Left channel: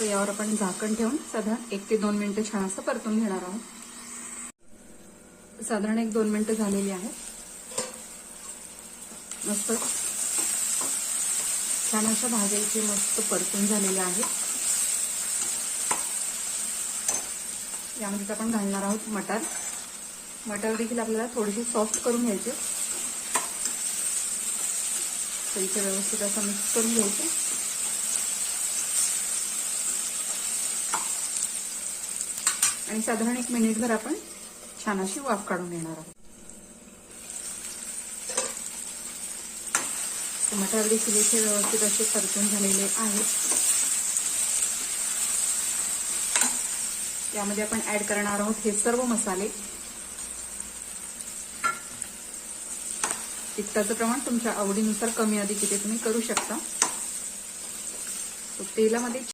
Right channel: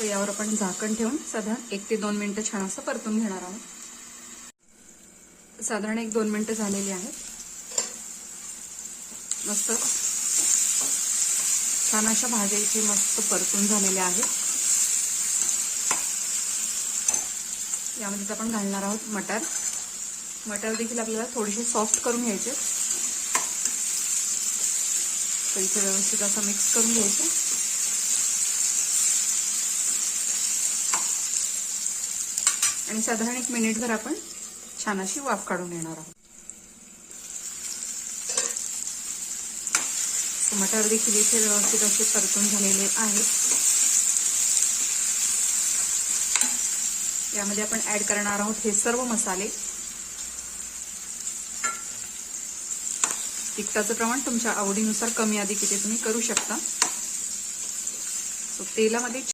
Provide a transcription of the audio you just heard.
तर यावर आपण झाकण ठेवून साधारण 1 ते 2 मिनिटं छान असं परतून घेणार आहोत. साधारण 1-2 मिनिटं झालेली आहेत. मस्त छान अशा भाज्या इथे मस्त परतून झालेल्या आहेत. यामध्ये आपण घालणार आहोत मटार. मटार देखील आपल्याला थोडीशी सॉफ्ट करून घ्यायचे. तर इथे व्यवस्थित असं मिक्स करून घ्यायचं. आणि साधारण 1 मिनिटभर आपण छान अशी वाफ काढून घेणार आहोत. मटार देखील इथे व्यवस्थित असे परतून झालेले आहेत. यामध्ये आपण ऍड करणार आहोत हे सर्व मसाले. तिखटाचं प्रमाण तुमच्या आवडीनुसार कमी अधिक इथे तुम्ही करू शकता. तेलामध्ये